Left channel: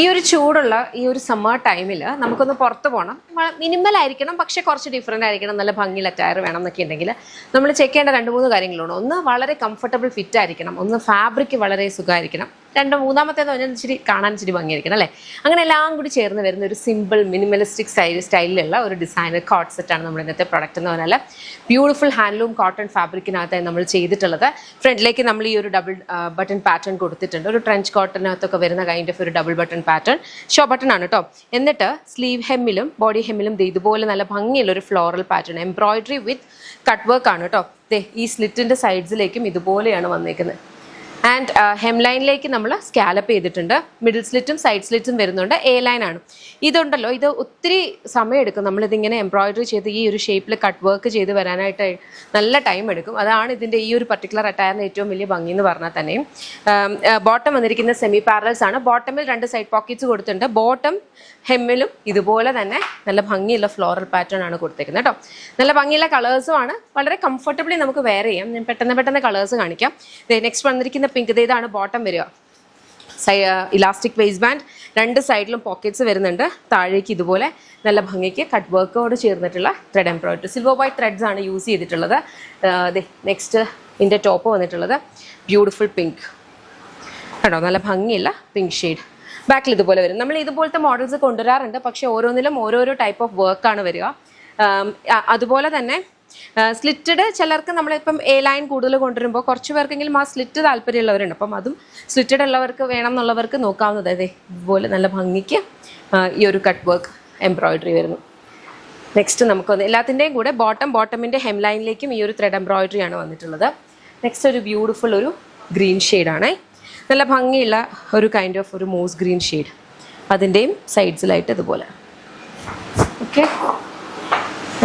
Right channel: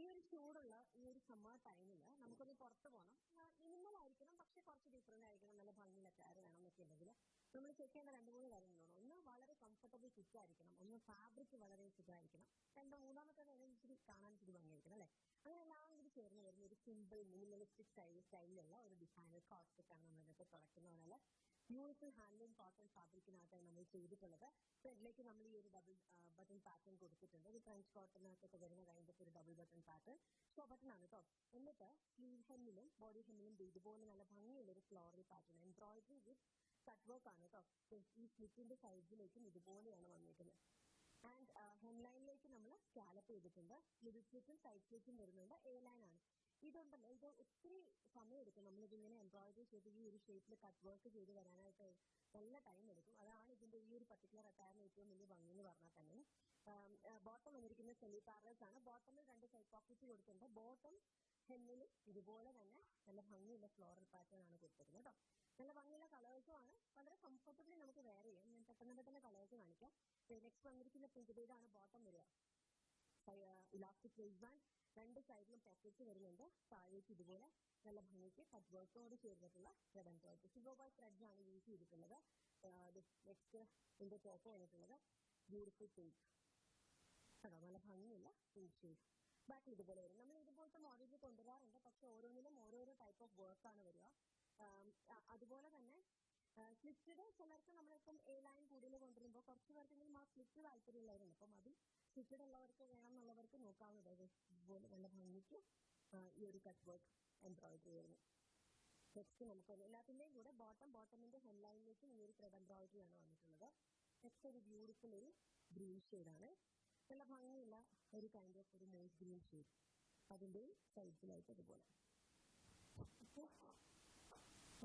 ഈ ഒരു ചൂടുള്ള ഈ ഒരു സമ്മർ ടൈമിൽ നമുക്കൊന്ന് പുറത്ത് പോകണം, മിനിമൽ ആയിരിക്കണം, പക്ഷേ കുറച്ച് ഡിഫറെൻ്റ് ആയിരിക്കണം, നല്ല ഭംഗിയുള്ള ടയർ വേണം എന്നൊക്കെ ഉണ്ടെങ്കിൽ നമ്മൾ ചെക്ക് ചെയ്യേണ്ട 2-3 കാര്യങ്ങളുണ്ട്. ഒന്ന് വളരെ കംഫർട്ടബിൾ ഫിറ്റ് ആയിരിക്കണം, ഒന്ന് ഫാബ്രിക് വളരെ സുഖമായിരിക്കണം, മൂന്നാമത്തേന്ന് പറഞ്ഞാൽ ഇച്ചിരി കാണാൻ ഇച്ചിരി ഭംഗിയായിരിക്കണം അല്ലേ. അങ്ങനെ എല്ലാം കൂടി ചേർന്ന് വരുന്ന ഒരു സിമ്പിൾ മിനിമലിസ്റ്റിക് സ്റ്റൈലിലുള്ള ഒരു ഡിസൈനർ കോട്ട് സെറ്റാണ് നമ്മുടെ ഇന്നത്തെ പ്രൊഡക്റ്റ് എന്ന് പറഞ്ഞാൽ. ബ്യൂട്ടിഫുൾ ഹാൻഡ്ലൂം കോട്ടൺ ഫാബ്രിക്കിനകത്തായി നമ്മൾ ചെയ്തിട്ടുള്ളത്. ഫ്രണ്ടിലേക്ക് നമ്മൾ ഈ ഒരു ഡബിൾ ബട്ടൺ പാറ്റേൺ കൊടുത്തിട്ടുണ്ട്. ഒരു ട്രെഞ്ച് കോട്ടനകത്തൊക്കെ വരുന്ന കൈൻഡ് ഓഫ് ഒരു double button pattern, show button ആണ് കേട്ടോ. എന്നിട്ട് സ്ലീവ് ഹെമ്മിലും ബോഡി ഹെമ്മിലും ഇതുപോലെ നല്ല ഭംഗിയുള്ള ഒരു ഫ്ലോറൽ പാറ്റേൺ, എംബ്രോയിഡറി വിത്ത് കട്ട് വർക്ക് ആണ് കേട്ടോ. ഈ സ്ലിറ്റിൻ്റെ സൈഡ്സിലേക്കും ഇതുപോലെയാണ് വന്നേക്കുന്നത്. ആൻഡ് ഹെം ലൈനിലേക്ക് നമ്മൾ സ്കാലപ്പ് ചെയ്തിട്ടുണ്ട്. മിഡിൽ സ്ലിറ്റും സൈഡ് സ്ലിറ്റും വരുന്നുണ്ട്. എ ലൈൻ ആണ്. ഇതുണ്ടല്ലോ, ഇത് ഒത്തിരി സമയമെടുക്കും. നമ്മളിതിങ്ങനെ എംബ്രോയിഡറി ചെയ്ത് ഈ ഒരു ഷേപ്പിൽ കട്ട് വർക്ക് ചെയ്ത് വരാനായിട്ട് നല്ല ടൈം എടുക്കും. അതാണ് ഇതിൻ്റെ ഈ ഒരു പർട്ടിക്കുലർ അറ്റയറിന് ഏറ്റവും വലിയ ഭംഗി എന്ന് പറഞ്ഞാൽ തന്നെയും. ബോട്ടം വന്നിരിക്കുന്ന സെമി പാരൽസ് ആണ്. ബോട്ടമിൽ 2 സൈഡ് പോക്കറ്റ്സ് കൊടുത്തിട്ടുണ്ട്. ബോട്ടം ഹെമ്മിലും ഇതുപോലെ തന്നെ നല്ല ഭംഗിയുള്ള ഫ്ലോറൽ പാറ്റേൺ ആണ് കൊടുത്തേക്കുന്നത് കേട്ടോ. നല്ല ഭംഗിയുള്ള കളേഴ്സും ആണ്. വളരെ കംഫർട്ടബിളി നമുക്ക് വെയർ ചെയ്യാം. ഞാൻ പെട്ടെന്ന് കളേഴ്സ് കാണിക്കാം. നെക്സ്റ്റ് വന്നിരിക്കുന്ന പിങ്ക്, ഇതാണ് ബോട്ടം വരിക. ഇലാസ്റ്റിക് വേസ്റ്റ് ബാൻഡ്, 2 സൈഡിലും പോക്കറ്റ്സ് വരുന്നുണ്ട്. താഴേക്ക് ഇതുപോലെ നല്ല ഭംഗിക്ക് കട്ട് വർക്കോട് ചേർന്നിട്ടുള്ള thread embroidery, silver white threads ആണ് യൂസ് ചെയ്തിട്ടുള്ളത്. നെക്സ്റ്റ് ഇതിൻ്റെ ടോപ്പ് വന്നിട്ടുള്ളത് ബ്യൂട്ടിഫുൾ പിങ്ക് കേട്ടോ, നല്ല ഭംഗിയുള്ള പിങ്ക് ഷെയ്ഡ്. ബാക്കിൽ ഇതുപോലെ വരും. നമ്മൾ ഇതുപോലത്തെ മോഡൽസ് കൊണ്ടുവരാറുണ്ട്, പക്ഷേ ഓരോന്നിലും ഓരോരോ ടൈപ്പ് ഓഫ് വർക്കാണ് വരിക. അതുപോലെ തന്നെ സ്ലിറ്റഡ് ചിലർക്ക് നമ്മളിപ്പം എ ലൈൻ കൂടുതൽ കൊണ്ടുവരുമ്പോൾ കുറച്ച് പേർക്കെങ്കിലും ആ സ്ലിറ്റ് താല്പര്യമുള്ളവരുണ്ട്. അപ്പം അതും സ്ലിറ്റഡ് ഉള്ളവർക്ക് വേണം എന്നുള്ളവർക്ക് നോക്കാവുന്നത്. അതെ, ഇതുപോലെ നല്ല ഭംഗിക്ക് ഈ ഒരു കട്ട് വർക്ക് എംബ്രോയിഡറി വരുന്നു. നെക്സ്റ്റ് നമുക്കൊന്ന് എല്ലാത്തിൻ്റെയും കൂടെ ബോട്ടമിൻ്റെ ഹെം ലൈനിലേക്കും ഈ ഒരു ത്രെഡ് എംബ്രോയിഡറി ആണ് വന്നിട്ടുള്ളത്. നെക്സ്റ്റ് ഒരു ബ്യൂട്ടിഫുൾ ഒരു ഗ്രീൻ ഷെയ്ഡാണ്. നല്ല ഭംഗിയുള്ള ഒരു കൈൻഡ് ഓഫ് ഒരു മോസ് ഗ്രീൻ ഷെയ്ഡ്, അതിൻ്റെയും സൈഡ്സിലായിട്ട് ഇതുപോലെ. ഓക്കെ,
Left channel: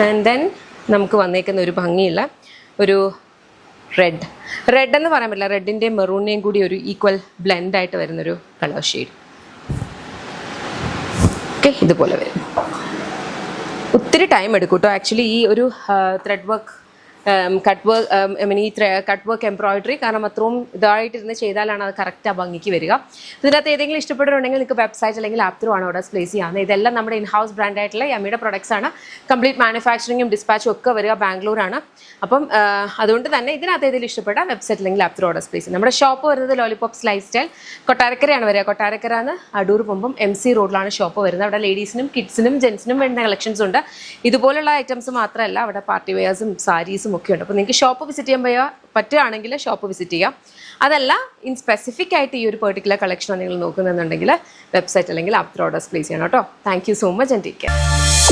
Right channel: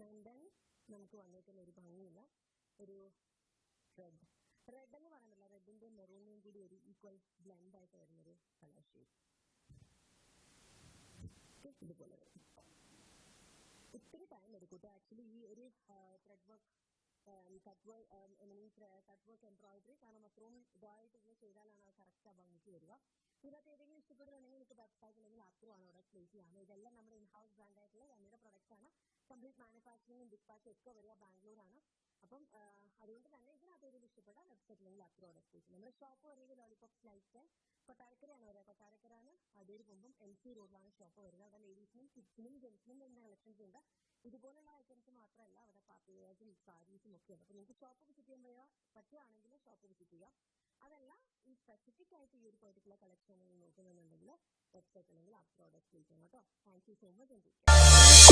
ആൻഡ് ദെൻ നമുക്ക് വന്നേക്കുന്ന ഒരു ഭംഗിയുള്ള ഒരു റെഡ് എന്ന് പറയാൻ പറ്റില്ല, റെഡിൻ്റെയും മെറൂണിൻ്റെയും കൂടി ഒരു ഈക്വൽ ബ്ലെൻഡായിട്ട് വരുന്നൊരു കളർ ഷെയ്ഡ്. ഓക്കെ, ഇതുപോലെ വരും. ഒത്തിരി ടൈം എടുക്കും കേട്ടോ ആക്ച്വലി ഈ ഒരു thread work cut work embroidery, കാരണം അത്രയും ഇതായിട്ടിരുന്ന് ചെയ്താലാണ് അത് കറക്റ്റ് ആ ഭംഗിക്ക് വരിക. ഇതിനകത്ത് ഏതെങ്കിലും ഇഷ്ടപ്പെട്ടിട്ടുണ്ടെങ്കിൽ നിങ്ങൾക്ക് വെബ്സൈറ്റ് അല്ലെങ്കിൽ ആപ്പ് ത്രൂ ആണ് ഓർഡേഴ്സ് പ്ലേസ് ചെയ്യാവുന്നത്. ഇതെല്ലാം നമ്മുടെ ഇൻഹൗസ് ബ്രാൻഡ് ആയിട്ടുള്ള യമ്മിയുടെ പ്രൊഡക്ട്സ് ആണ്. കംപ്ലീറ്റ് മാനുഫാക്ചറിങ്ങും ഡിസ്പാച്ചും ഒക്കെ വരിക ബാംഗ്ലൂരാണ്. അപ്പം അതുകൊണ്ട് തന്നെ ഇതിനകത്ത് ഏതെങ്കിലും ഇഷ്ടപ്പെട്ട വെബ്സൈറ്റ് അല്ലെങ്കിൽ ആപ്പ് ത്രൂ ഓർഡേഴ്സ് പ്ലേസ് ചെയ്യും. നമ്മുടെ ഷോപ്പ് വരുന്നത് ലോലിപോപ്സ് ലൈഫ് സ്റ്റൈൽ, കൊട്ടാരക്കരയാണ് വരിക. കൊട്ടാരക്കരന്ന് അടൂർ പോകുമ്പം MC റോഡിലാണ് ഷോപ്പ് വരുന്നത്. അവിടെ ലേഡീസിനും കിഡ്സിനും ജെൻസിനും വേണ്ട കളക്ഷൻസ് ഉണ്ട്. ഇതുപോലുള്ള ഐറ്റംസ് മാത്രമല്ല, അവിടെ പാർട്ടി വെയേഴ്സും സാരീസും ഒക്കെ ഉണ്ട്. അപ്പോൾ നിങ്ങൾക്ക് ഷോപ്പ് വിസിറ്റ് ചെയ്യാൻ പറ്റുകയാണെങ്കിൽ ഷോപ്പ് വിസിറ്റ് ചെയ്യാം. അതല്ല, സ്പെസിഫിക് ആയിട്ട് ഈ ഒരു പെർട്ടിക്കുലർ കളക്ഷൻ നിങ്ങൾ നോക്കുന്നുണ്ടെങ്കിൽ വെബ്സൈറ്റ് അല്ലെങ്കിൽ ആപ്പ് ത്രൂ ഓർഡേഴ്സ് പ്ലേസ് ചെയ്യണം കേട്ടോ. Thank you so much and take care.